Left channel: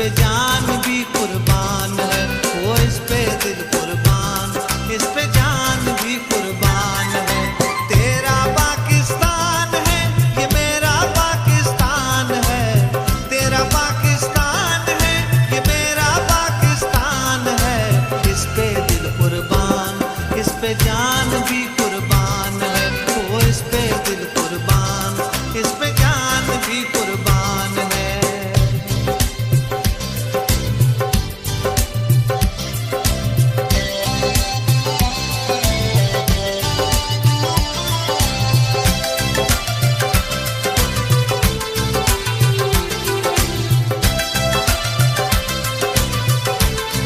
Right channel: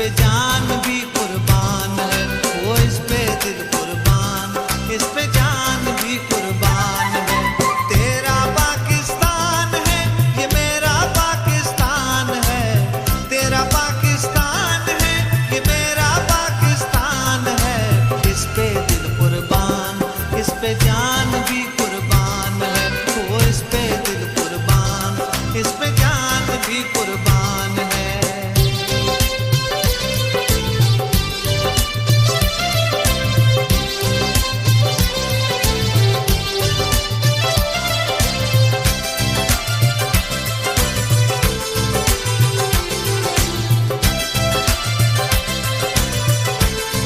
पे जान भी कुर्बान है, वो इस पे दिल कुर्बान, इस पे जान भी कुर्बान है। तेरा पाकिस्तान है, ये मेरा पाकिस्तान है, तेरा पाकिस्तान है, ये मेरा पाकिस्तान है। इस पे दिल कुर्बान, इस पे जान भी कुर्बान है, वो इस पे दिल कुर्बान, इस पे जान भी कुर्बान